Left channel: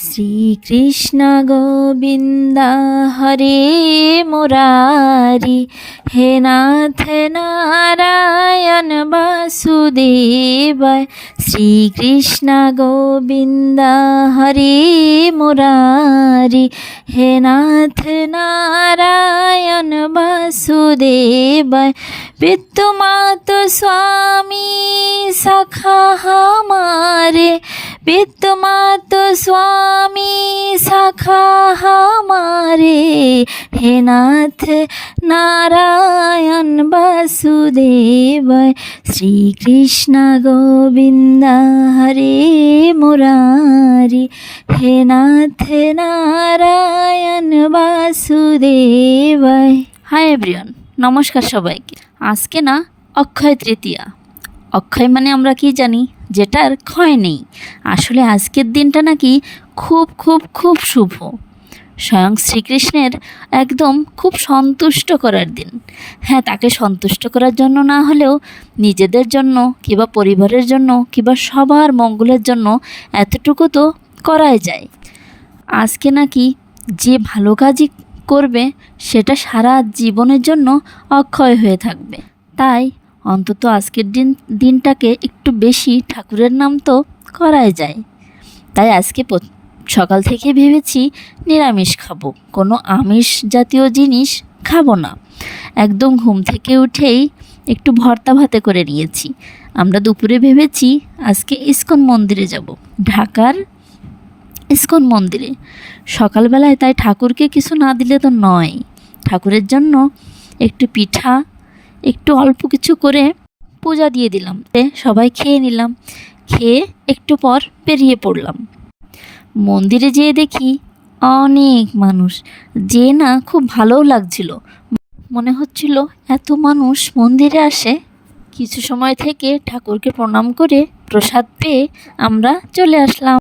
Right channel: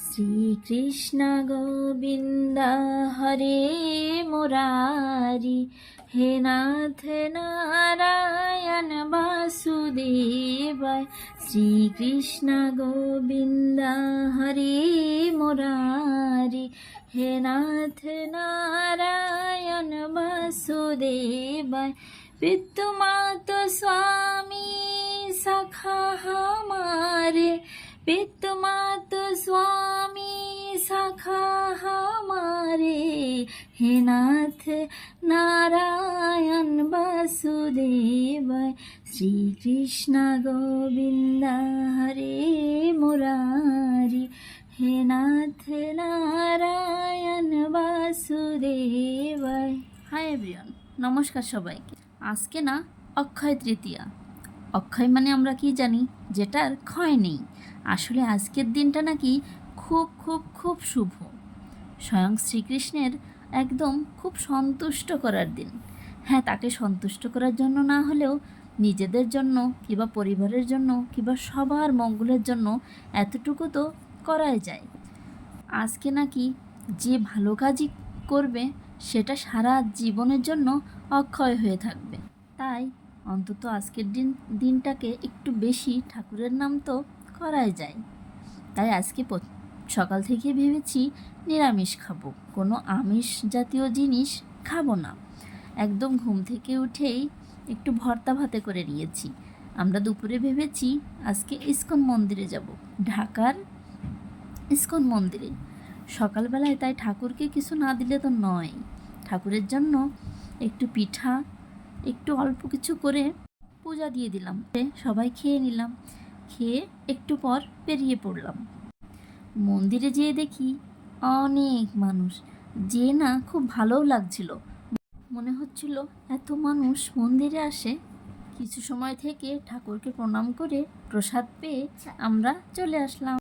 শ্রীকৃষ্ণ গোবিন্দ হরে মুরারি, হে নাথ নারায়ণ বাসুদেবায়। শ্রীকৃষ্ণ গোবিন্দ হরে মুরারি, হে নাথ নারায়ণ বাসুদেবায়। विद्युमात स्वामी सखा हमारे, विद्युमात स्वामी सखा हमारे, हे नाथ नारायण वासुदेवाय। श्री कृष्ण गोविंद हरे मुरारी, हे नाथ नारायण वासुदेवाय। हाय एवरीवन, নমস্কার সবাইকে। আজকে না অক্ষয় তৃতীয়া। অক্ষয় মানে আমরা কি জানি, যেটার ক্ষয় নেই। আসলে আজকের দিনটা নাকি খুব খুব খুব শুভ, স্বয়ং শ্রীকৃষ্ণের একদম খুব সন্তুষ্ট করার দিন। হ্যাঁ, তাকে সন্তুষ্ট করার জন্য না হলেও নিজেদের জন্য কিংবা পরিবারের জন্য কিংবা সবার মঙ্গলের জন্য এতটুকু তো করাই যায়। আজকে নাকি যে ভালো কাজই করবে সেটা সারা জীবনের জন্য অক্ষয় হয়ে থাকবে। তাই অন্তত আজকের দিনটাকে একটু বেশি ঠাকুরের নাম তো করাই যায়। তাই আজকে সকাল থেকে ভেবেছি নিরামিষ খাবো, কোনো আমিষ জাতীয় জিনিস খাবো না। একদম ঘুম থেকে উঠেই একটু ভর্তা ভাতে করে নিয়েছি। আমরা দুপুরে ভেবেছি আজকে ইস্কন মন্দিরে যাব, ঢাকার ইস্কন মন্দিরে সকালবেলায়। তাই ঠাকুরকে কিছু না দিলে তো নয়। ঠাকুরের জন্য একটু পিঠা, একটু অল্প কিছু করে পূজা দিয়ে দিলাম। সবাই খেয়ে নিলাম, খেয়ে একটু পর বেরিয়ে পড়লাম। মন্দিরে যেয়ে দেখি অনেক মানুষ, যে না খুব ভালোও লাগছিল। মনে হচ্ছিল এত মানুষ মন্দিরে আসে। কিছু সময় থেকে ঠাকুরকে প্রণাম করে প্রসাদ পেয়ে আমরা চলে আসলাম।